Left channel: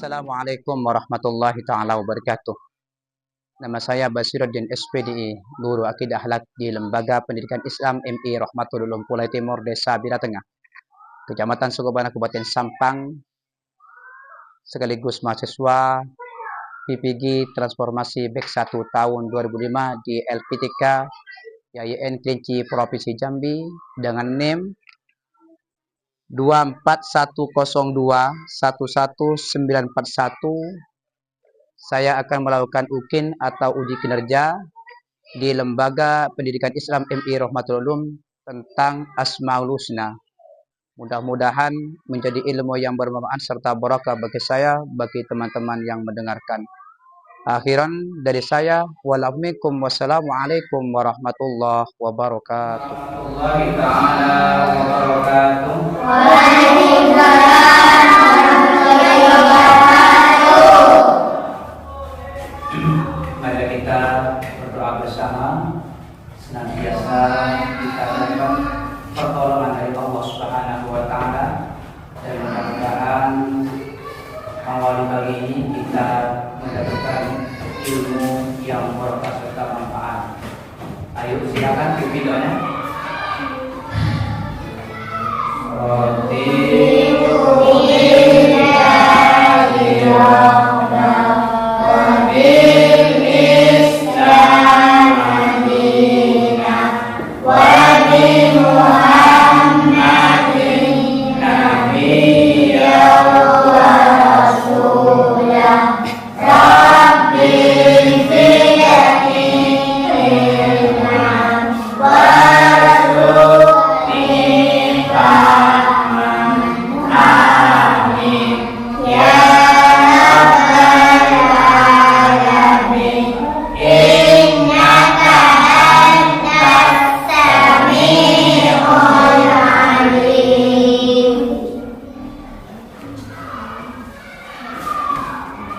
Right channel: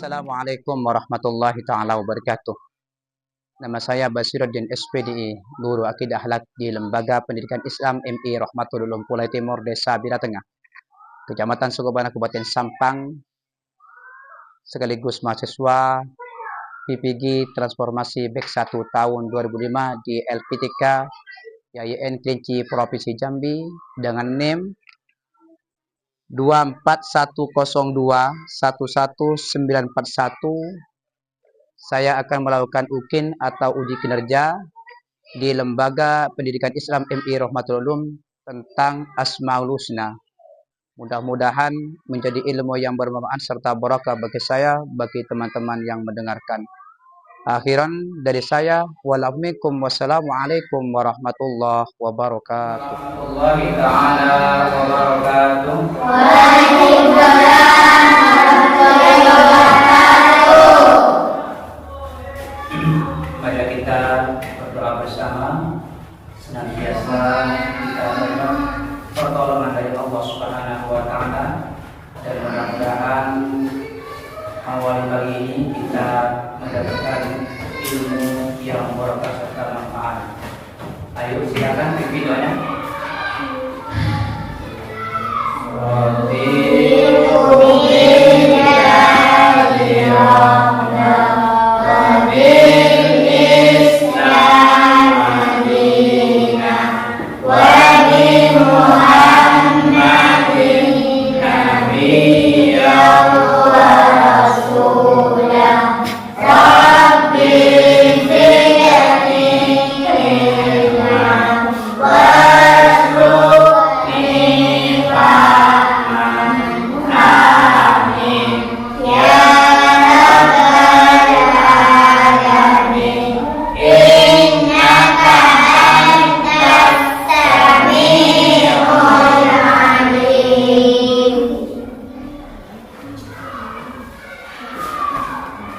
Assalamualaikum warahmatullahi taala wabarakatuh. Nama saya Basiruddin SPDI, Guru Akidah Akhlak di Lembaga Pendidikan Islam MI Rahmatul Ulum Pulau Timur, Desa Bira Tengah, Kecamatan Sukabana, Kabupaten Sampang, sekaligus mahasiswa PPG Transformasi Back 1 tahun 2005 di LPTK YIN Kerinci Provinsi Jambi dengan NIM 24102-11941. Saya akan melakukan UKIN atau uji kinerja di Lembaga Pendidikan Islam MI Rahmatul Ulum tentang Asmaul Husna. Mudah-mudahan menjadi ilmu yang bermanfaat serta barakah bagi saya, bagi teman-teman yang mendengarkan. Akhiran dari saya, wassalamualaikum warahmatullahi wabarakatuh. Mari kita berdoa bersama, senantiasa kita mohon pertolongan dari Allah Subhanahu wa taala, dan mudah-mudahan awal pagi ini kita mendapatkan ilmu yang berkah serta manfaat. Ayo silakan pimpin doanya.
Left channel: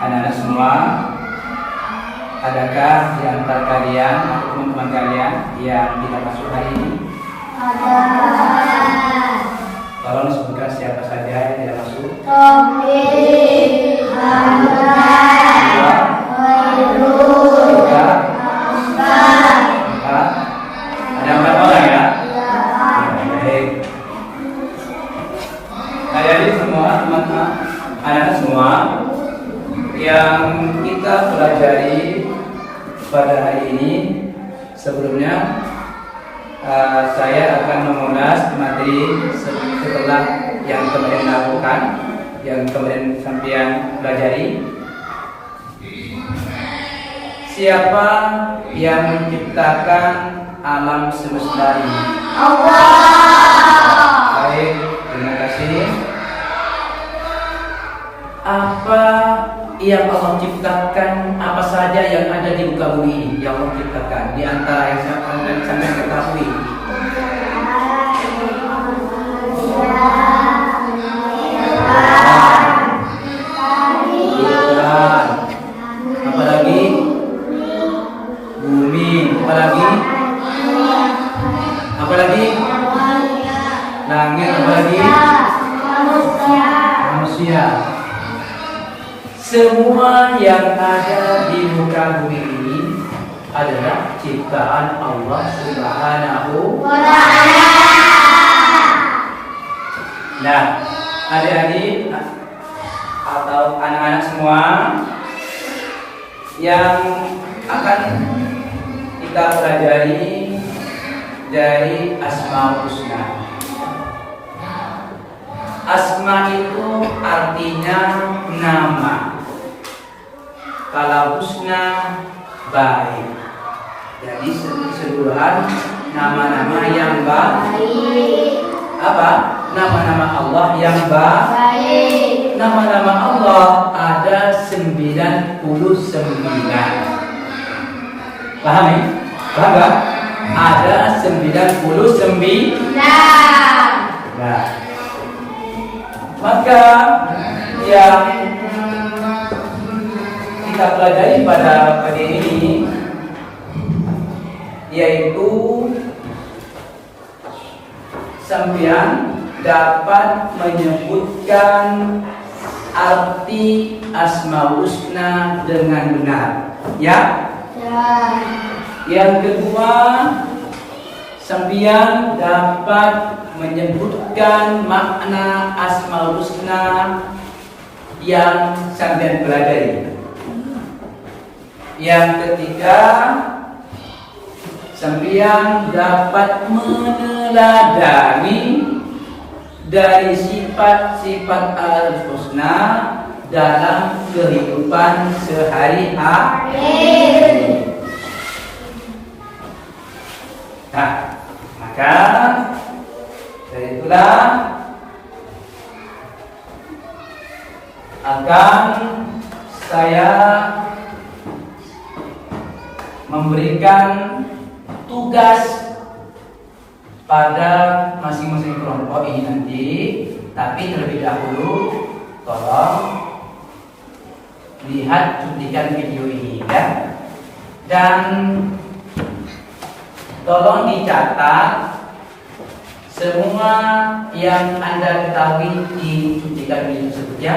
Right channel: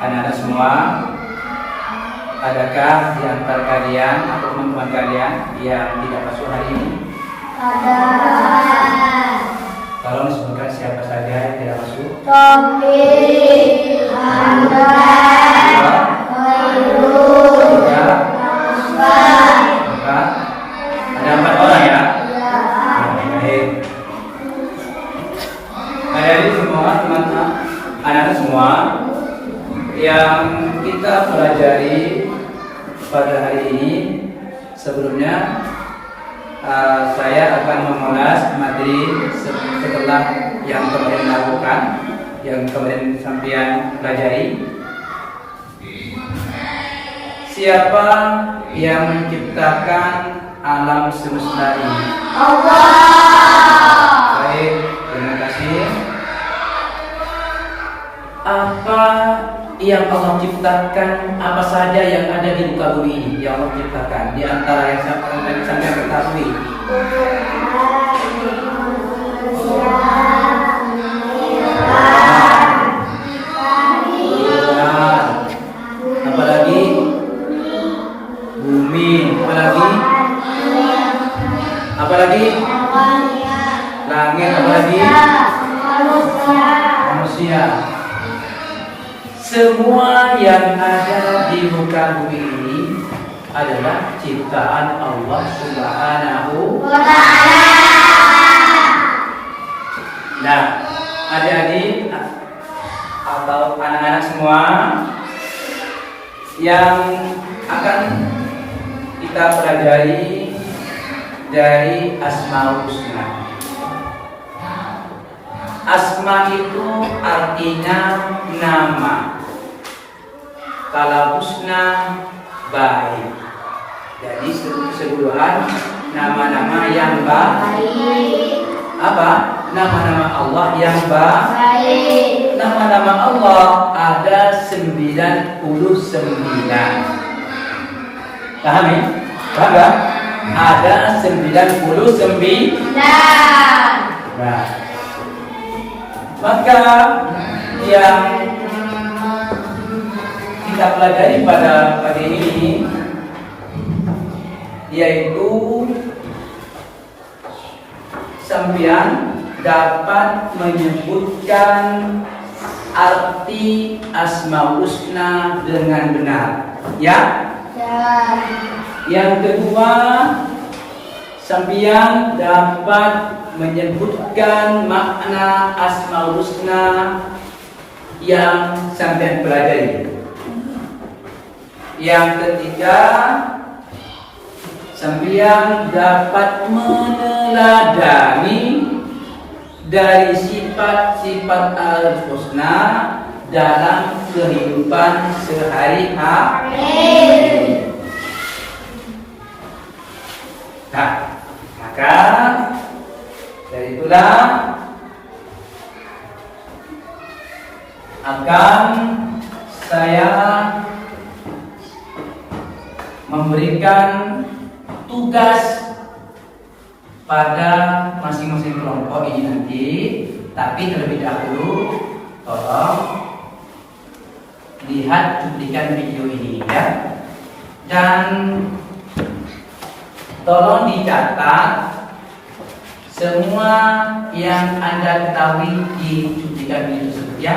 Anak-anak semua, adakah di antara kalian atau teman-teman kalian yang tidak masuk hari ini? Ada. Tolong sebutkan siapa saja yang tidak masuk. Taufik, Hamzah, Khairul, Tiga, Hamzah. empat. Ada 4 orang ya? Baik. Nah, dari semua teman-teman, anak-anak semua yang kita pelajari pada hari ini, sebelumnya saya akan mengulas materi setelah yang kemarin lakukan, yang kemarin sampean pelajari. Siapa yang menciptakan alam semesta ini? Allah. Baik, terima kasih. Apa yang Allah ciptakan, apa saja yang ada di muka bumi ini yang Allah ciptakan? Di antara yang sampai ketahui, bulan, apa lagi? Bumi, apa lagi? Apa lagi? Langit, apa lagi? Manusia. Semua yang ada di muka bumi ini adalah ciptaan Allah Subhanahu wa ta'ala. Nah, adik-adik atau anak-anak semua yang akan kita pelajari dari Asmaul Husna. Asma itu artinya nama. Kalau husna baik. Jadi keseluruhan nama-nama yang baik. Apa? Nama-nama Allah yang baik. Nama-nama Allah ada 99. Paham ya? Paham gak? Ada 99. Nah, maka yang kita pelajari pada pagi ini yaitu sampean dapat menyebutkan arti Asmaul Husna dengan benar. Ya. Yang kedua, sampeyan dapat menyebutkan makna Asmaul Husna yang sampeyan pelajari. Yang ketiga, sampeyan dapat meneladani dari sifat-sifat Al-Husna dalam kehidupan sehari-hari. Nah, maka dari itulah akan saya memberikan tugas pada masing-masing kelompok ini nanti, tapi terlebih dahulu tolong lihat cuplikan video ini ya, dan tolong dicatat semua yang Anda ketahui di cuplikan video tersebut ya.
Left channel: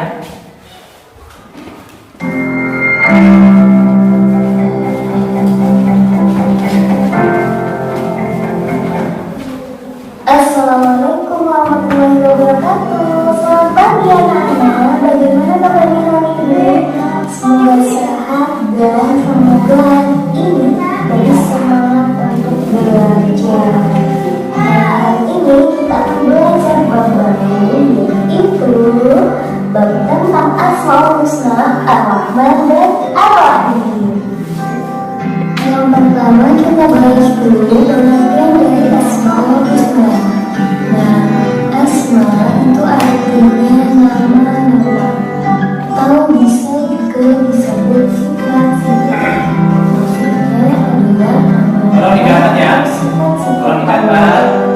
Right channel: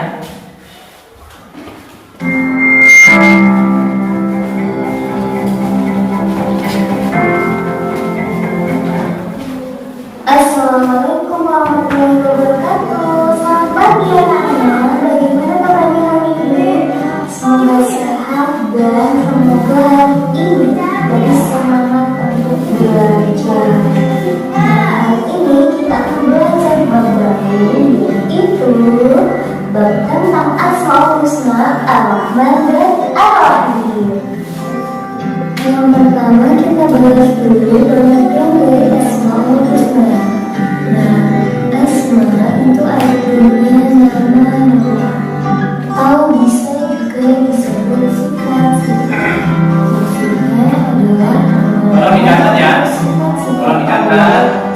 Assalamualaikum warahmatullahi wabarakatuh. Selamat pagi anak-anak. Bagaimana kabarnya hari ini? Semoga sehat dan semoga hari ini lebih semangat untuk belajar. Hari ini kita akan belajar bab baru, yaitu bab tentang Asmaul Husna, Ar-Rahman dan Ar-Rahim. Yang pertama kita bahas dulu pengertian dari Asmaul Husna. Nah, Asma itu artinya nama-nama atau bisa juga disebut sifat-sifat. Maksudnya adalah sifat-sifat.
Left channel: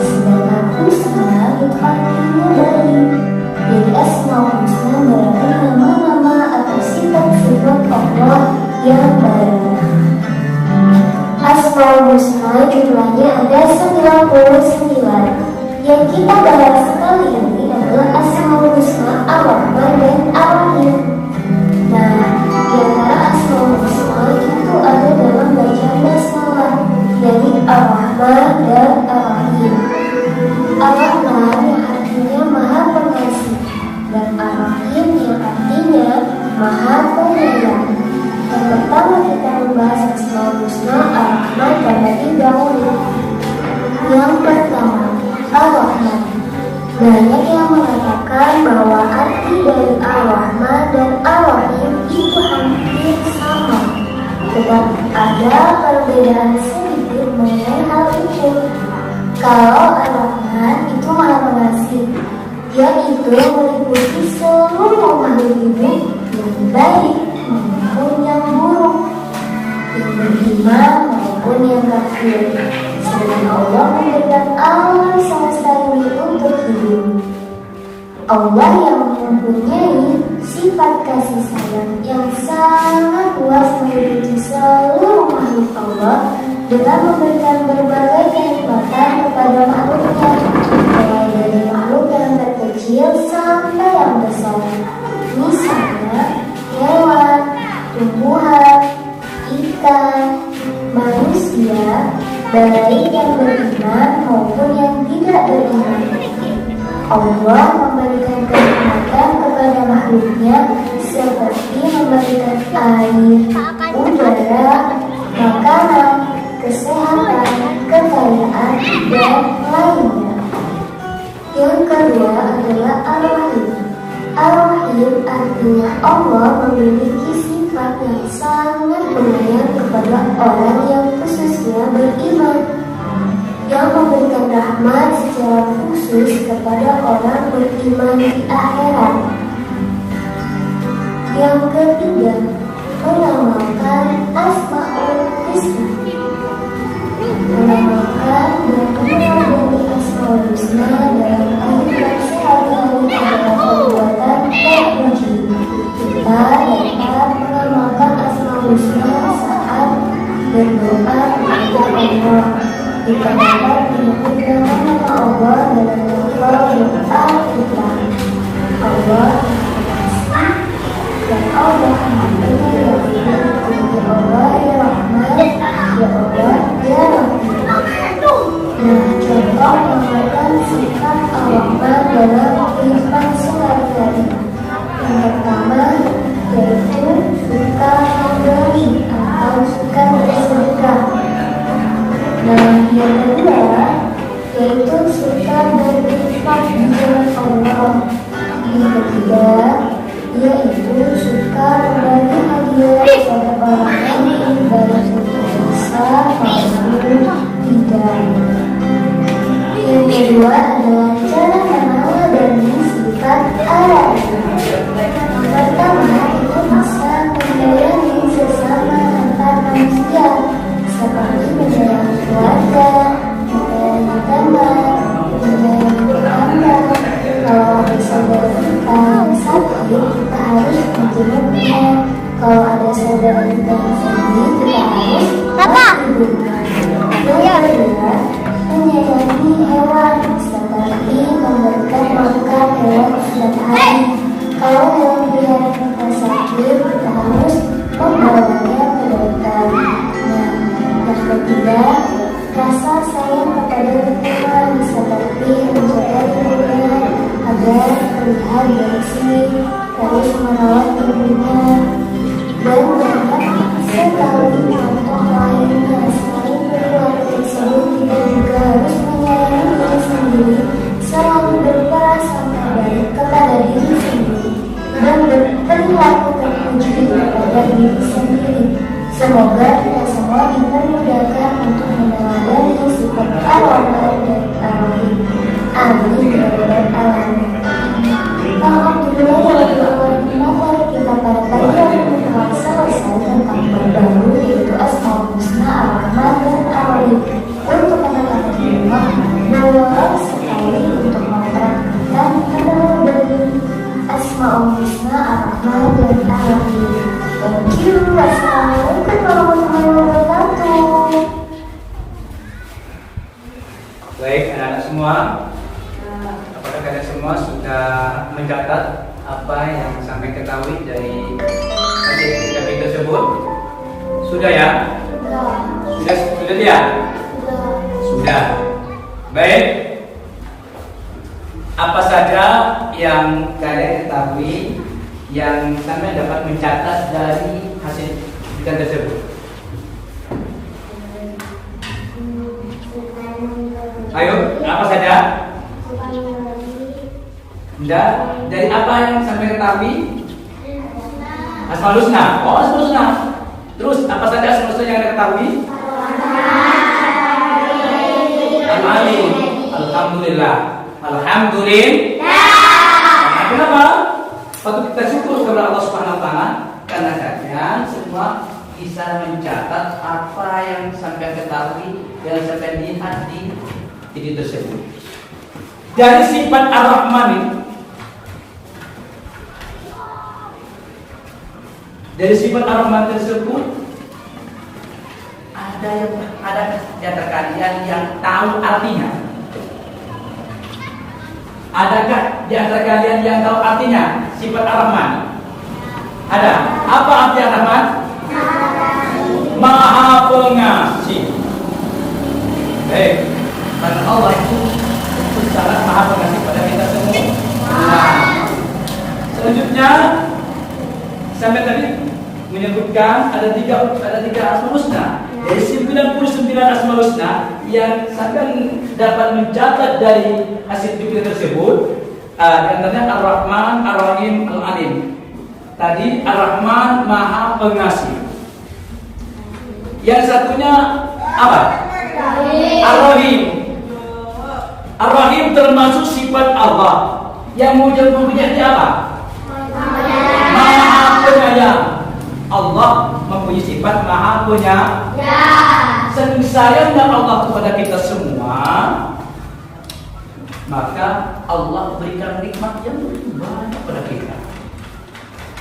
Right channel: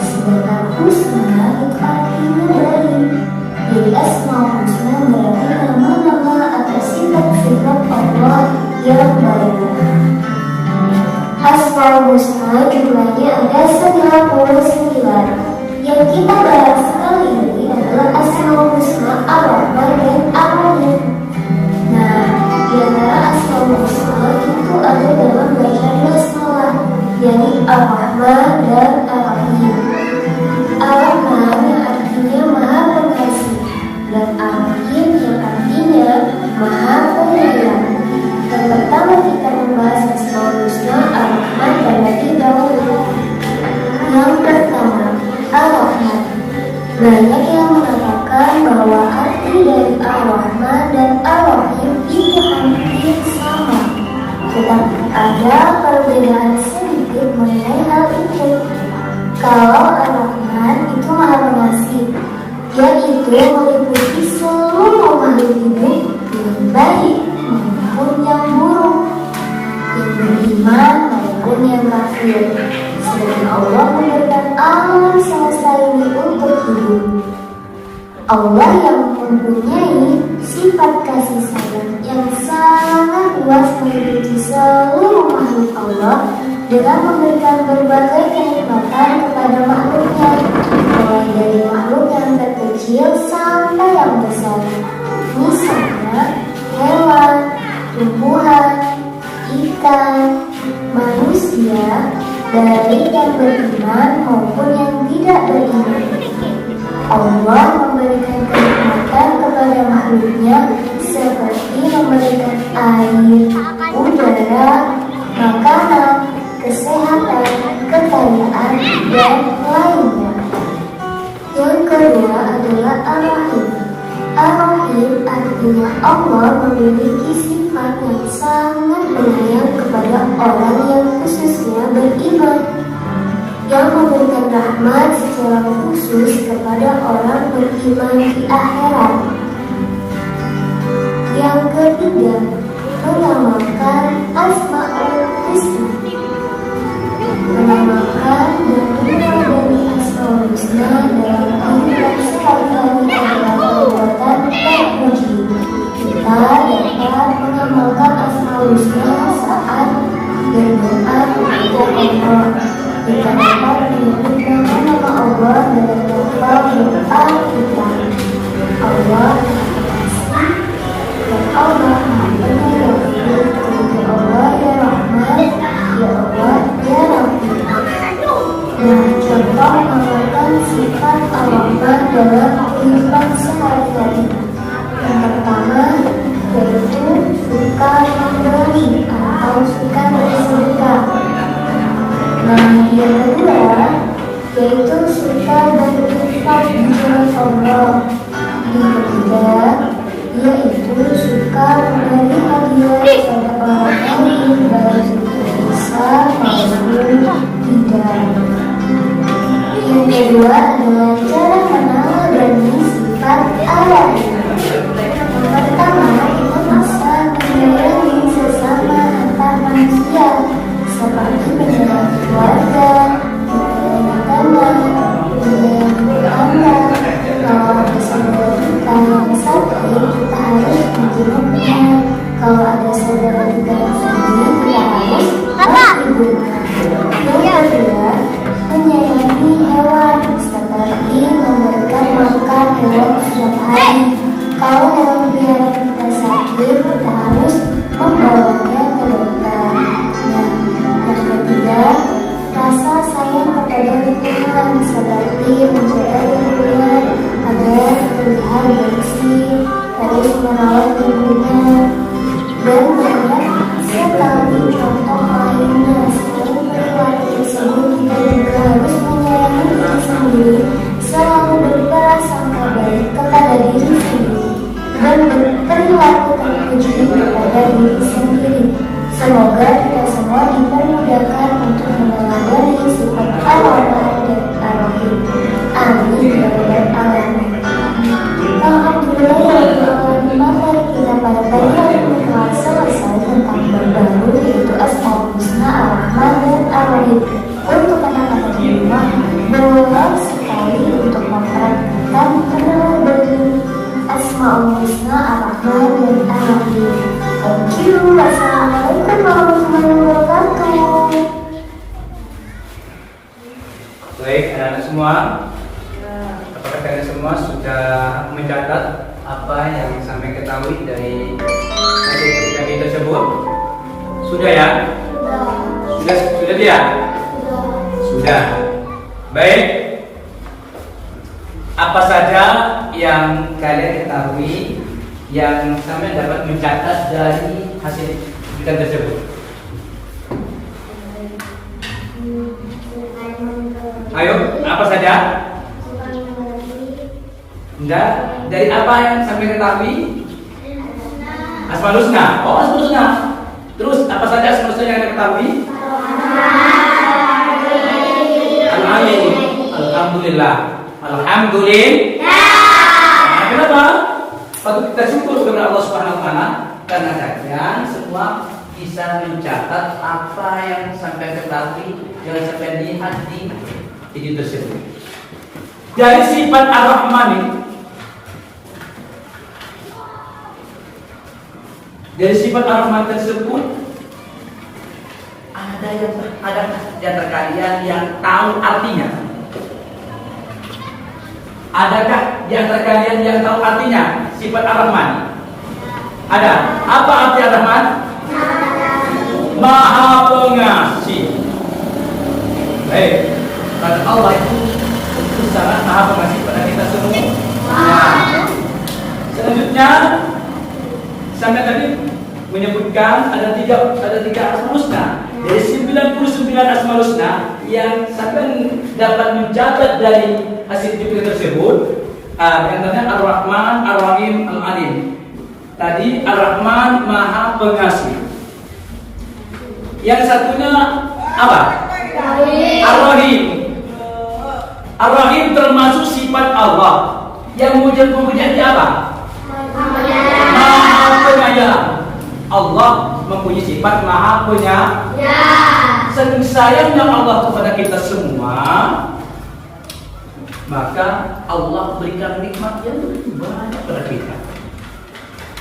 Sedangkan Husna itu artinya baik. Jadi Asmaul Husna berarti nama-nama atau sifat-sifat Allah yang baik. Asmaul Husna jumlahnya ada 99. Yang kita bahas kali ini adalah Asmaul Husna Ar-Rahman dan Ar-Rahim. Nah, di antara Asmaul Husna itu ada dalam bacaan basmalah, yaitu Ar-Rahman dan Ar-Rahim. Ar-Rahman yang artinya Maha Pengasih dan Ar-Rahim yang artinya Maha Penyayang. Yang pertama kita membahas Asmaul Husna Ar-Rahman terlebih dahulu. Yang pertama, Ar-Rahman. Banyak yang mengatakan bahwa arti dari Ar-Rahman dan Ar-Rahim itu hampir sama, tetapi ada perbedaan sedikit mengenai hal itu. Kalau Ar-Rahman itu Maha Pengasih, yaitu meliputi seluruh makhluk hidup yang baik maupun yang buruk, yang beriman maupun yang kafir. Sedangkan Allah memberikan alam semesta ini untuk hidup. Allah yang mempunyai sifat kasih sayang yang sangat luas meliputi seluruh makhluk Allah dengan memberikan berbagai kenikmatan kepada makhluknya, mulai dari makhluk yang terkecil sampai yang besar. Misalnya hewan, tumbuhan, ikan, manusia, baik yang beriman maupun yang tidak beriman. Allah memberikan kenikmatan kepada makhluknya seperti memberikan air, udara, makanan, kesehatan, kekayaan, dan lainnya. Yang kedua adalah Ar-Rahim. Ar-Rahim artinya Allah memiliki sifat yang sangat penyayang kepada orang yang khususnya beriman, yang memberikan rahmat secara khusus kepada orang beriman di akhirat. Yang ketiga, menamakan Asmaul Husna. Menamakan dan mengenal dari Asmaul Husna dalam kehidupan sehari-hari adalah perbuatan terpuji. Kita dapat mengamalkan Asmaul Husna saat berdoa kepada Allah. Kita dapat menyebut nama-nama Allah dalam lafaz doa kita. Allah dalam kehidupan sehari-hari. Yang pertama yaitu suka memberi atau suka bersedekah. Nah, yang kedua yaitu suka berinfak di jalan Allah. Yang ketiga yaitu suka memberi hadiah kepada orang lain, baik itu besar maupun tidak. Yang kedua adalah cara mengenal dari sifat Allah. Yang pertama, itu bisa menyayangi sesama antar manusia, seperti menyayangi keluarga, menyayangi teman, menyayangi tetangga. Kalau ada saudara kita yang sakit, kita harus menjenguknya. Kalau ada saudara kita yang sedih, kita harus menghibur. Yang kedua, menyayangi hewan, seperti memberikan makan hewan setiap hari. Kalau hewan peliharaan kita sakit, kita harus membawanya ke dokter. Nah, yang ketiga, rasa sayang kepada lingkungan, seperti menjaga lingkungan agar terlihat bersih, terus merawat lingkungan, dan banyak sekali contoh lainnya. Selain perilaku tersebut, kita juga harus menyayangi diri sendiri, selalu berprasangka baik kepada diri sendiri, dan berperilaku terpuji kepada diri sendiri. Semoga kita semua dipermudahkan untuk meneladani sifat Allah dan Ar-Rahim. Amin ya rabbal alamin. Alhamdulillah ya rabbil alamin. Mari kita pada pagi hari ini telah selesai tentang baru yaitu Asmaul Husna Ar-Rahman dan Ar-Rahim. Untuk anak-anak di rumah, boleh sekali untuk mempraktikkan dari Asmaul Husna Ar-Rahman dan Ar-Rahim. Thank you. Wassalamualaikum warahmatullahi wabarakatuh. Baik, anak-anak semua, apakah kalian semua sudah mencatat apa yang sampai ketahui dari hasil kejadian tersebut? Sudah ya? Sudah tidak? Sudah. Baik. Apa saja yang kalian ketahui yang sampai dapat mencatat dari hasil penelitian tersebut? Ayo, apa saja? Enggak, dari apa yang sampai ketahui? Asmaul Husna. Oh, Asmaul Husna. Terus apa saja Asmaul Husna yang anda ketahui? Al-Alim. Alhamdulillah. Alhamdulillah. Kenapa? Patut kita syukur kepada Allah Subhanahu wa taala karena kalian semua bisa mencatat apa yang sampai ketahui, yang sampai lihat di video tersebut. Dari sifat Ar-Rahman ini, dari sifat Ar-Rahman tersebut ada di antara kalian yang tahu artinya? Adakah di antara kalian yang tahu artinya sifat Ar-Rahman? Ada. Apa arti Ar-Rahman? Maha Pengasih. Karena Allah itu sangat Maha Pengasih pada kita semua. Nah, selanjutnya sampai tadi menyebutkan ada tiga Asmaul Husna. Dari 99 Asmaul Husna yang sampai dapat mencatat dari hasil penelitian tersebut, antaranya Ar-Rahman, Ar-Rahim, Al-Alim. Tadi Ar-Rahman Maha Pengasih. Yang satunya apa? Ar-Rahim. Ar-Rahim termasuk sifat Allah. Yang mempunyai apa? Maha Penyayang. Allah mempunyai sifat Maha Penyayang. Saking sayangnya Allah kepada kita semua, maka Allah berikan nikmat yang begitu banyak kepada kita.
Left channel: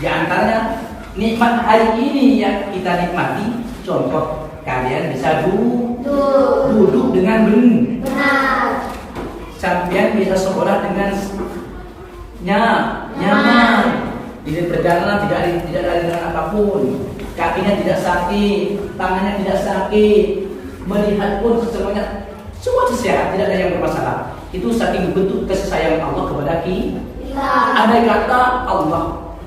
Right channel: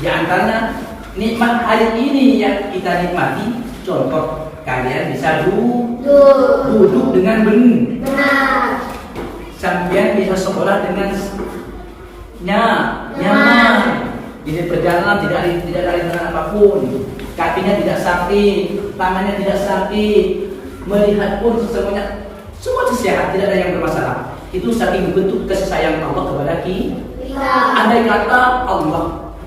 Di antaranya nikmat hari ini yang kita nikmati. Contoh, kalian bisa duduk dengan benar. Sampai bisa sekolah dengan nyaman. Di perjalanan tidak ada apapun. Kakinya tidak sakit, tangannya tidak sakit, melihat pun semuanya semua sehat, tidak ada yang bermasalah. Itu saking bentuk kasih sayang Allah kepada kita. Andai kata Allah,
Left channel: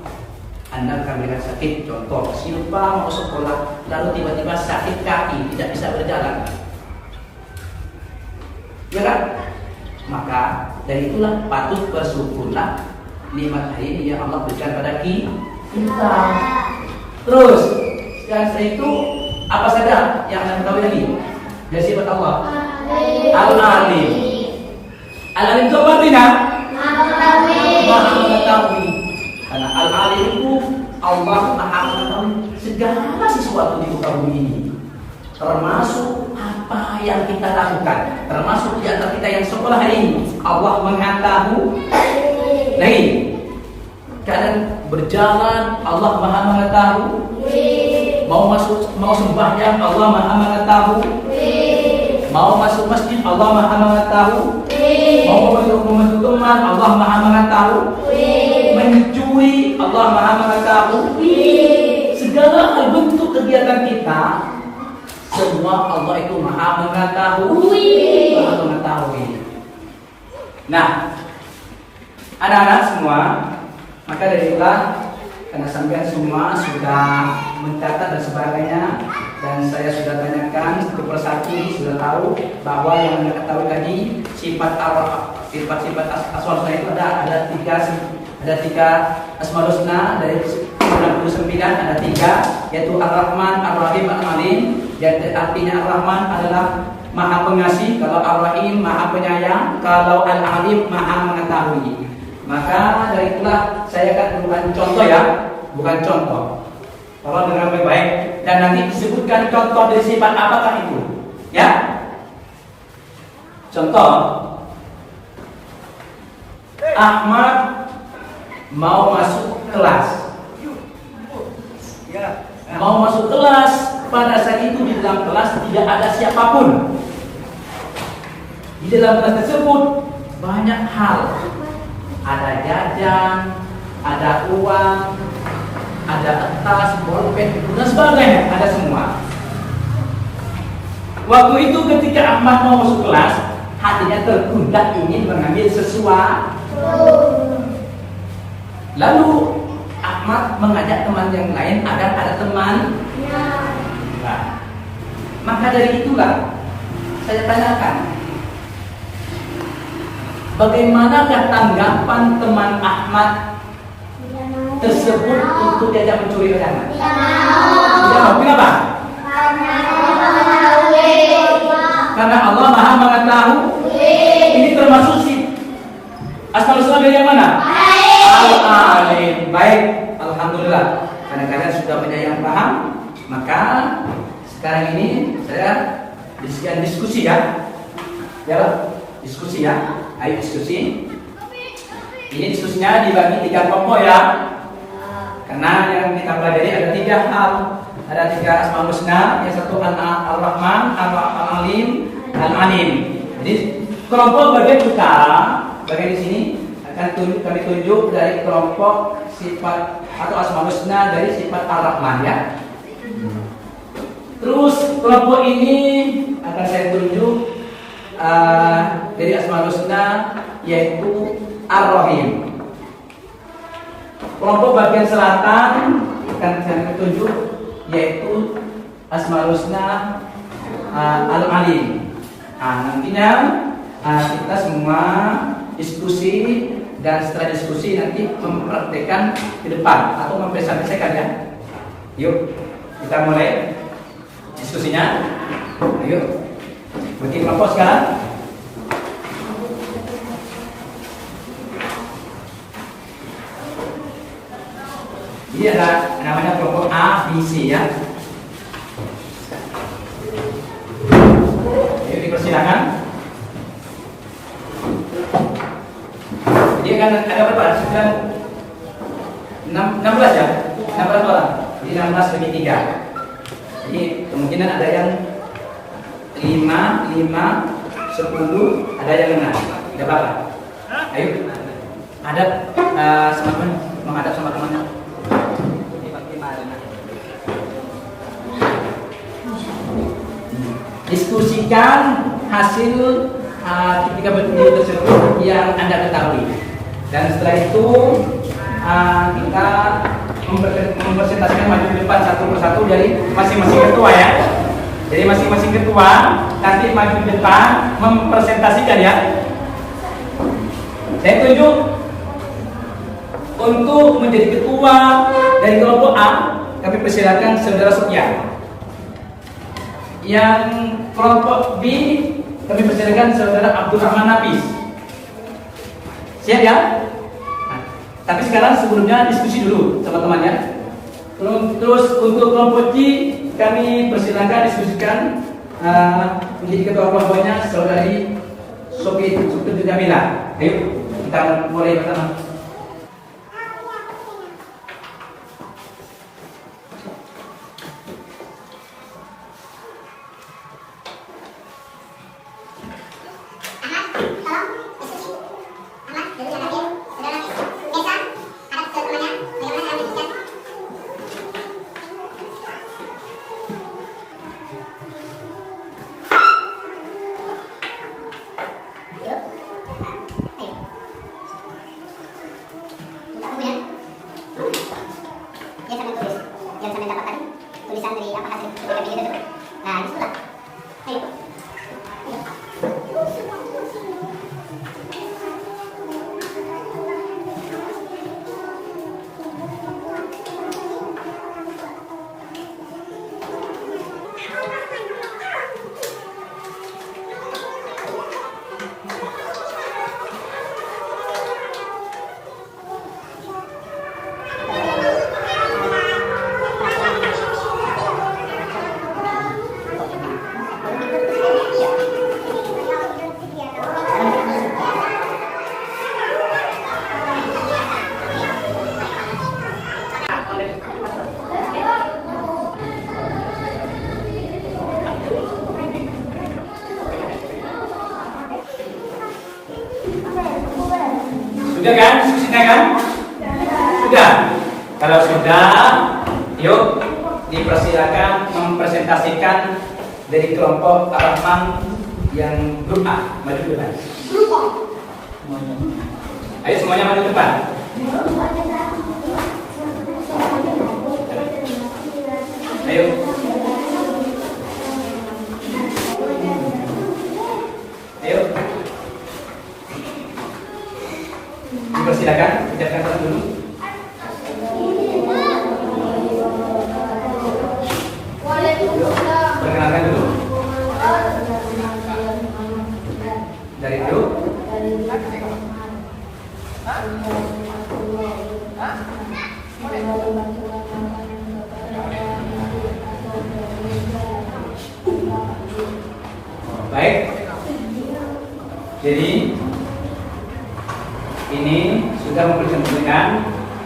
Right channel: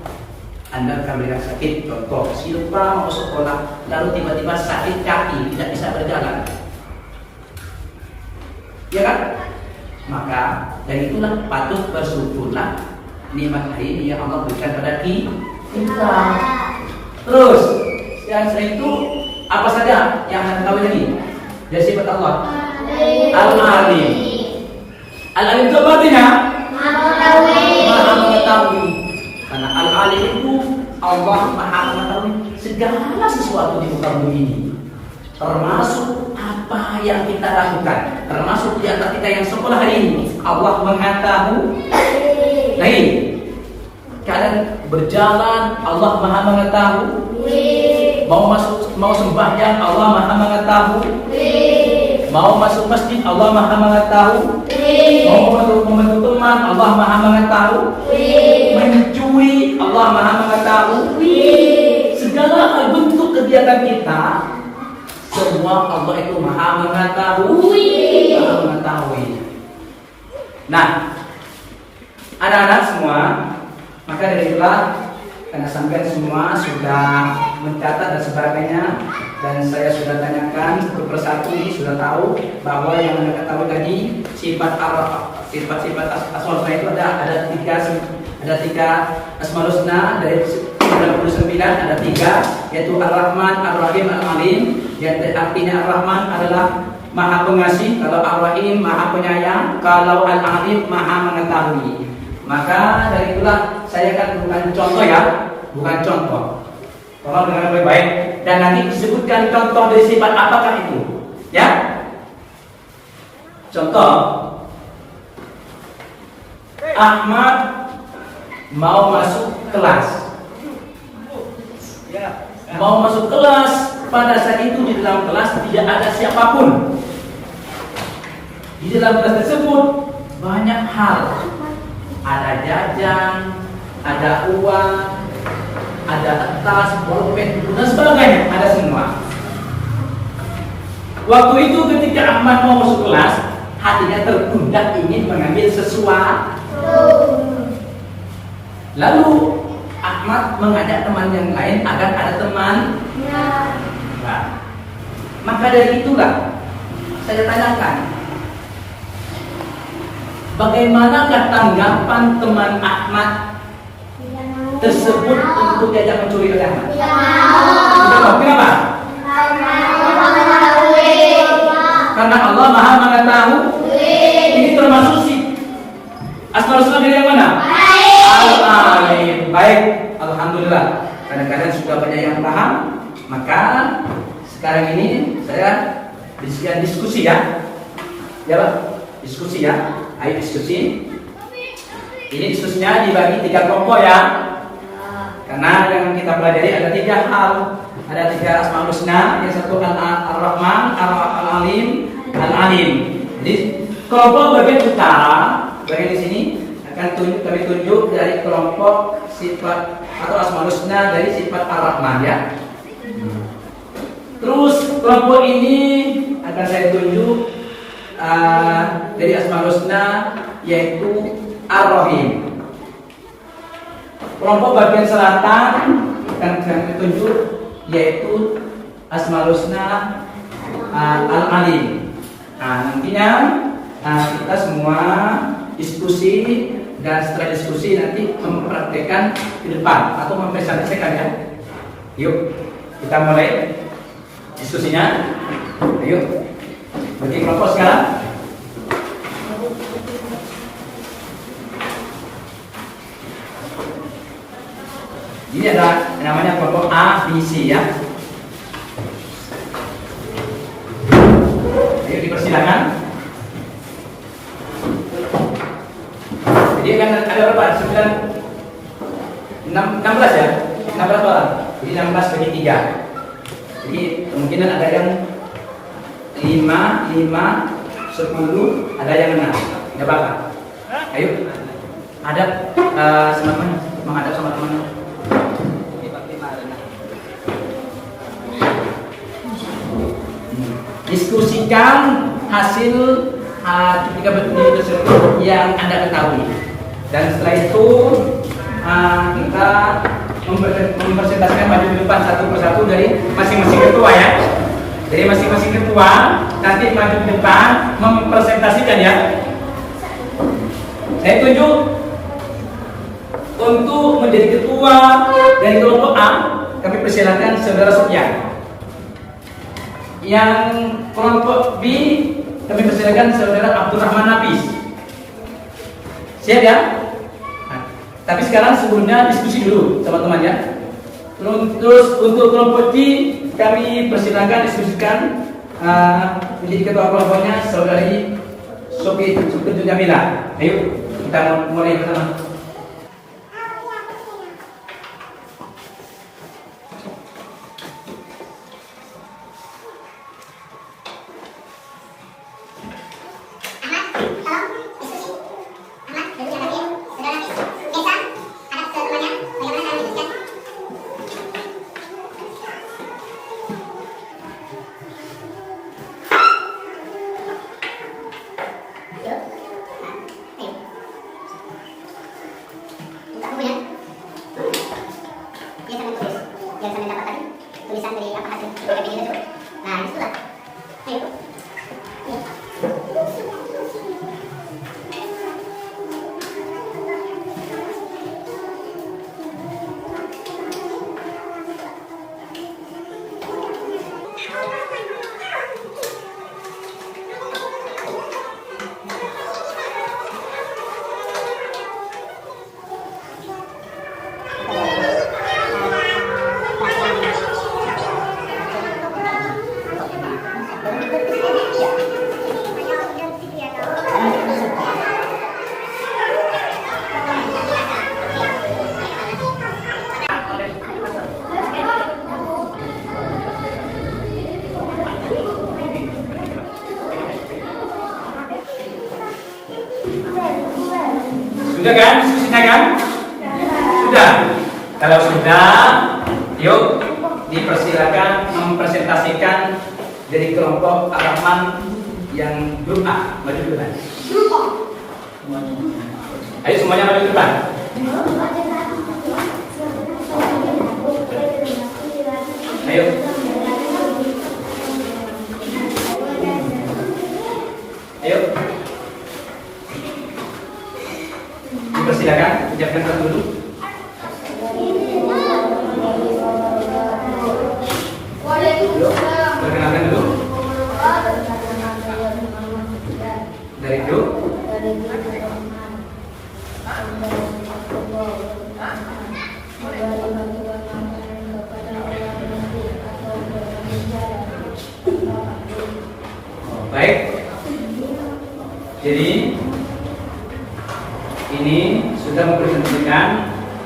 Anda akan melihat sakit, contoh Silpa mau sekolah, lalu tiba-tiba sakit kaki, tidak bisa berjalan, ya kan? Maka dari itulah patut bersyukurlah nikmat ini yang Allah berikan pada kita. Terus yang setelah itu apa saja yang Anda ketahui lagi dari sifat Allah? Al-Alim. Al-Alim itu apa artinya? Maha mengetahui. Karena Al-Alim itu Allah Maha mengetahui segala sesuatu di muka bumi ini, termasuk apa yang kita lakukan, termasuk di antara kita yang sekolah hari ini. Allah mengetahui. Nah ini kalian berjalan, Allah Maha mengetahui. Mau sembahyang, Allah Maha mengetahui. Mau masuk masjid, Allah Maha mengetahui. Mau membantu teman, Allah Maha mengetahui. Mencuri, Allah Maha mengetahui. Segala bentuk kegiatan kita, semua Allah itu Maha mengetahui. Maha mengetahui. Nah, anak-anak semua, maka dari itulah karena sampai semua sudah mencatat dan sebagainya, dan saya sudah tanyakan satu persatu, ini sudah tahu bahwa yang Anda ketahui tadi sifat-sifat asmaul husna itu ada tiga asmaul husna dari 99, ada tiga, yaitu Ar-Rahman, Ar-Rahim, Al-Alim. Yang artinya Ar-Rahman adalah Maha Pengasih, kalau Ar-Rahim Maha Penyayang, kalau Al-Alim Maha Mengetahui. Maka dari itulah saya akan bukan contoh ya, bukan contoh. Tolong dengar baik-baik, dan nanti disebutkan contoh dari sifat apakah itu, ya. Contoh, Ahmad mau masuk kelas. Mau masuk kelas, pada saat itu di dalam kelas tidak ada siapapun. Di dalam kelas tersebut banyak hal. Ada jajan, ada uang, ada kertas, bolpen, dan sebagainya, ada semua. Waktu itu ketika Ahmad mau masuk kelas, hatinya tertunda ingin mengambil sesuatu. Lalu Ahmad mengajak teman yang lain agar ada teman. Nah, maka dari itulah saya tanyakan, bagaimanakah tanggapan teman Ahmad tersebut untuk diajak mencuri oleh Ahmad? Sudah mau? Kenapa? Karena Allah Maha Mengetahui. Ini termasuk asmaul husna dari yang mana? Al-Alim. Baik, alhamdulillah. Karena kalian sudah banyak yang paham, maka sekarang ini saya diskusi ya. Ya, Pak? Diskusi ya. Ayo diskusi. Ini diskusinya dibagi 3 kelompok ya. Karena yang kita pelajari ada 3 hal, ada 3 asmaul husna. Yang satu Ar-Rahman, Al-Alim, Al-Alim. Jadi kelompok bagian utara, bagian di sini akan kami tunjuk dari kelompok sifat atau asmaul husna dari sifat Ar-Rahman ya. Terus kelompok ini akan saya tunjuk dari asmaul husna yaitu Ar-Rahim. Kelompok bagian selatan akan saya tunjuk yaitu asmaul husna Al-Alim. Nah, nantinya kita semua diskusi, dan setelah diskusi nanti mempraktekkan di depan atau mempresentasikan ya. Yuk kita mulai diskusinya. Ayo bagi kelompok sekarang. Ini ada namanya kelompok A, B, C ya. Ayo dipersilakan. Jadi kan ada berapa? 16 ya? 16 orang. Jadi 16 bagi 3. Jadi kemungkinan ada yang 5, 10, ada yang 6. Tidak apa-apa. Ayo. Ada sama teman, menghadap sama teman. Diskusikan hasil tiga petunjuk tersebut yang Anda ketahui. Dan setelah itu kita mempresentasikan maju di depan satu persatu dari masing-masing ketua ya. Jadi masing-masing ketua nanti maju di depan mempresentasikan ya. Saya tunjuk untuk menjadi ketua dari kelompok A, kami persilakan saudara Sufyan. Yang kelompok B, kami persilakan saudara Abdurrahman Nafis. Siap ya? Nah, tapi sekarang sebelumnya diskusi dulu teman-teman ya. Terus untuk kelompok C, kami persilakan diskusikan menjadi ketua kelompoknya saudari Sofi Jamila. Ayo kita mulai bersama. Sudah kan? Diskusinya kan? Sudah. Kalau sudah, yuk dipersilakan mempresentasikan dari kelompok Ar-Rahman yang grup A. Maju ke depan. Ayo semuanya maju ke depan. Ayo. Ayo. Dipersilakan, ucapkan satu dulu. Perkenalkan dulu. Dari dulu. Baik. Jadi ini sudah mempresentasikan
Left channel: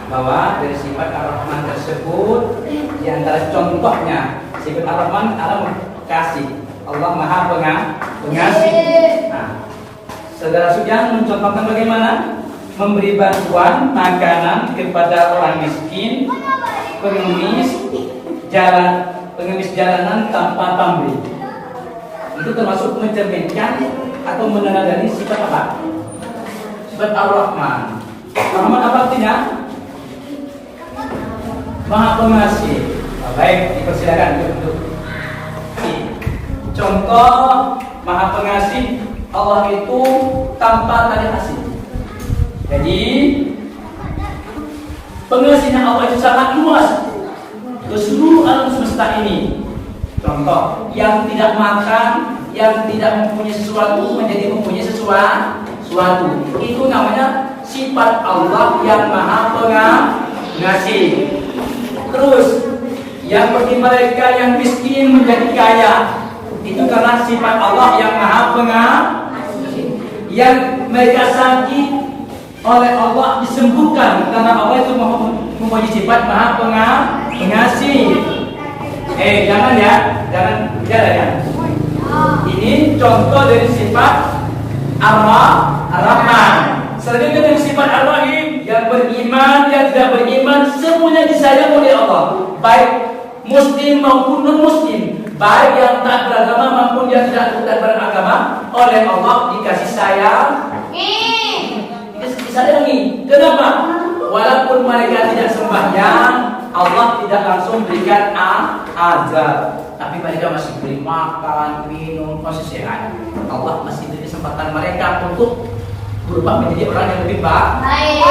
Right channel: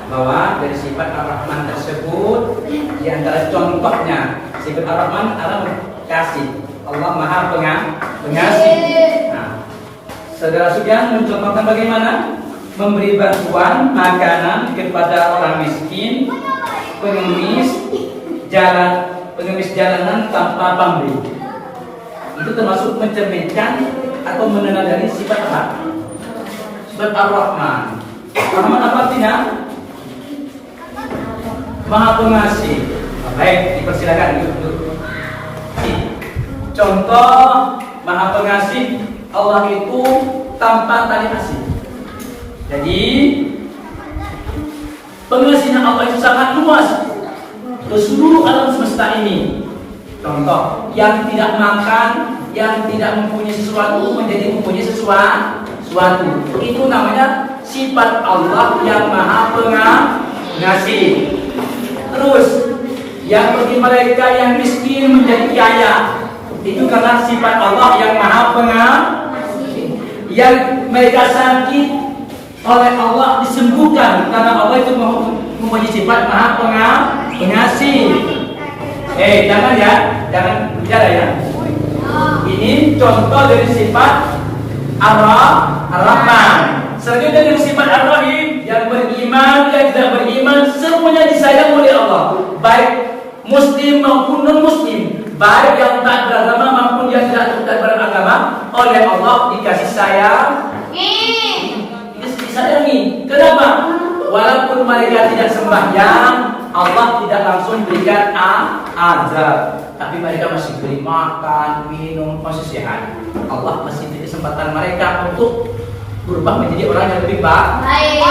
bahwa dari sifat Ar-Rahman tersebut di antara contohnya sifat Ar-Rahman adalah kasih. Allah Maha Pengasih. Nah, saudara Sufyan mencontohkan bagaimana memberi bantuan makanan kepada orang miskin, pengemis jalanan tanpa pamrih. Itu termasuk mencerminkan atau menandatangani sifat apa? Sifat Ar-Rahman. Rahman apa artinya? Maha Pengasih. Baik, dipersilakan untuk contoh Maha Pengasih Allah itu tanpa tali kasih. Jadi pengasihan Allah itu sangat luas ke seluruh alam semesta ini. Contoh, yang tidak makan, yang tidak mempunyai sesuatu menjadi mempunyai sesuatu. Itu namanya sifat Allah yang Maha Pengasih. Terus, yang bagi mereka yang miskin menjadi kaya, itu karena sifat Allah yang Maha Pengasih. Yang mereka sakit oleh Allah disembuhkan karena Allah itu mempunyai sifat Maha Pengasih. Jangan ya, jangan bicara ya. Ini contoh dari sifat Ar-Rahman. Selanjutnya dari sifat Ar-Rahim, yang beriman, yang tidak beriman, semuanya disayang oleh Allah, baik Muslim maupun non Muslim, baik yang taat beragama maupun yang tidak taat beragama, oleh Allah dikasih sayang. Disayangi. Kenapa? Walaupun mereka tidak sembahyang, Allah tidak langsung berikan azab, tapi mereka masih beri makan, minum, masih sehat. Allah masih beri kesempatan mereka untuk berubah menjadi orang yang lebih baik.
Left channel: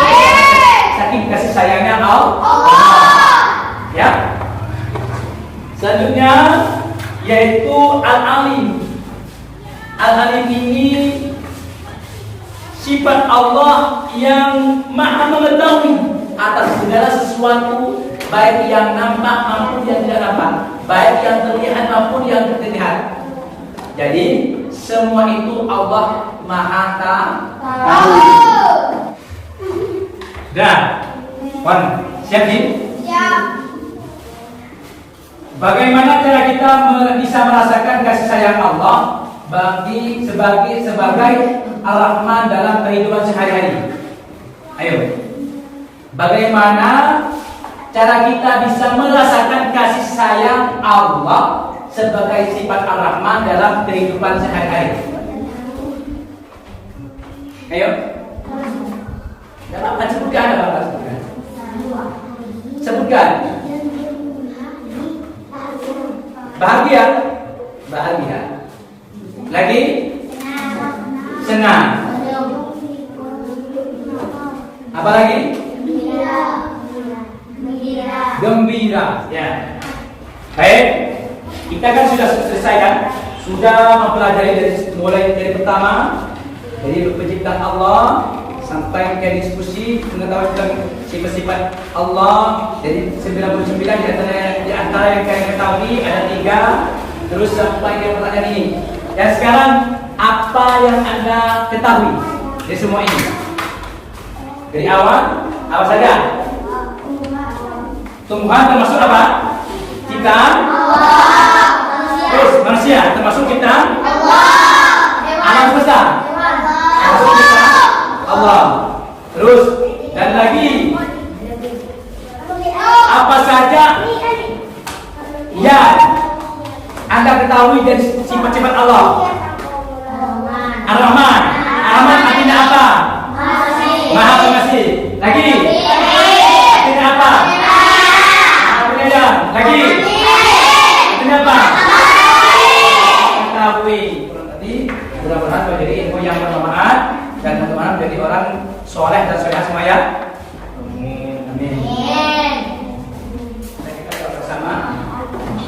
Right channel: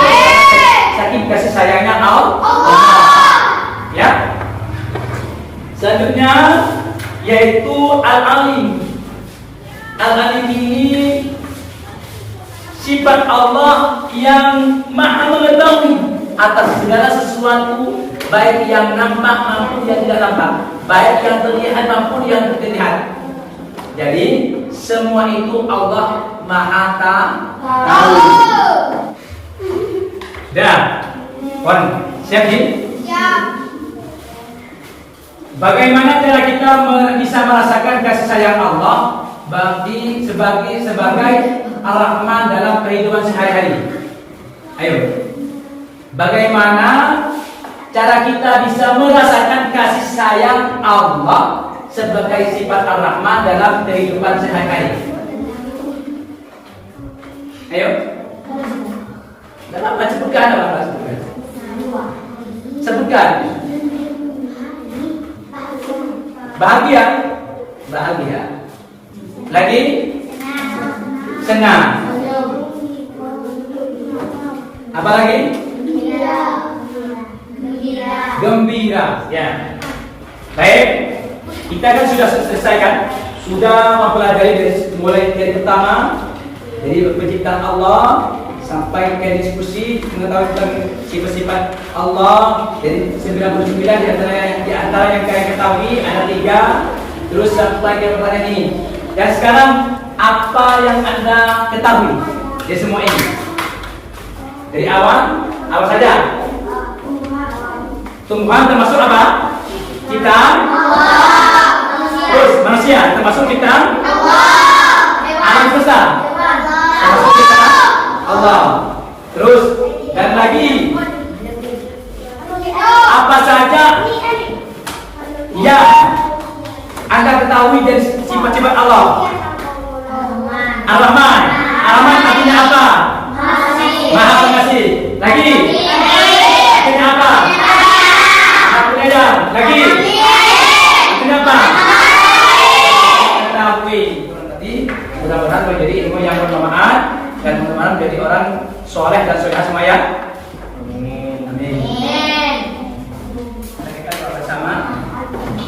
Saking kasih sayangnya Allah. Ya. Selanjutnya yaitu Al-Alim. Al-Alim ini sifat Allah yang maha mengetahui atas segala sesuatu, baik yang nampak maupun yang tidak nampak, baik yang terlihat maupun yang tidak terlihat. Jadi semua itu Allah maha tahu. Dah, Wan, siap nih? Siap. Bagaimana cara kita bisa merasakan kasih sayang Allah sebagai Ar-Rahman dalam kehidupan sehari-hari? Ayo. Bagaimana cara kita bisa merasakan kasih sayang Allah sebagai sifat Ar-Rahman dalam kehidupan sehari-hari? Ayo. Apa sebutkan? Sebutkan. Bahagia. Lagi? Senang. Apa lagi? Gembira. Ya. Baik. Kita kan sudah selesai kan? Sudah mempelajari mulai dari pertama, dari penciptaan Allah sampai ke diskusi mengetahui tentang sifat-sifat Allah. Jadi 99 di antara yang kalian ketahui ada 3. Terus sampai ke pertanyaan ini. Dan sekarang apa yang Anda ketahui dari semua ini? Dari awal apa saja? Tumbuhan termasuk apa? Kita. Terus manusia termasuk kita. Alam besar termasuk kita. Allah. Terus dan lagi apa saja yang Anda ketahui dari sifat-sifat Allah? Ar-Rahman. Ar-Rahman artinya apa? Maha Pengasih. Lagi? Artinya apa? Penyayang. Lagi? Artinya apa? Mengetahui. Jadi mudah-mudahan menjadi ilmu yang bermanfaat dan mudah-mudahan menjadi orang soleh dan solehah semuanya. Amin. Kita bersama.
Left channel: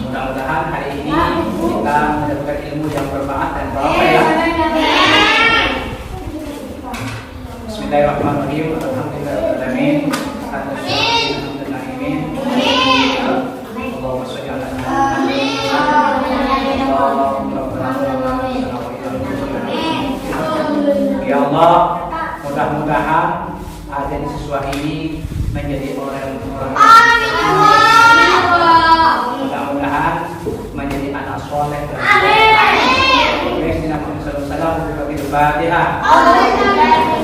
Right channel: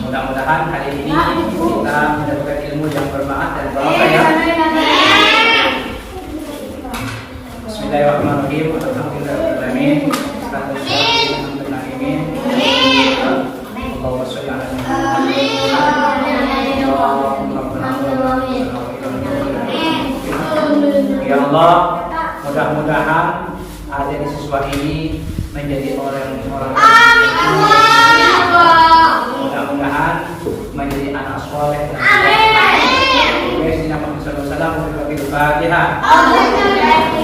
Mudah-mudahan hari ini kita mendapatkan ilmu yang bermanfaat dan bermanfaat ya. Bismillahirrahmanirrahim. Alhamdulillahirrahmanirrahim. Ya Allah, mudah-mudahan ada di siswa ini menjadi orang-orang. Mudah-mudahan menjadi anak soleh dan soleh. Amin. Ya, Bismillahirrahmanirrahim.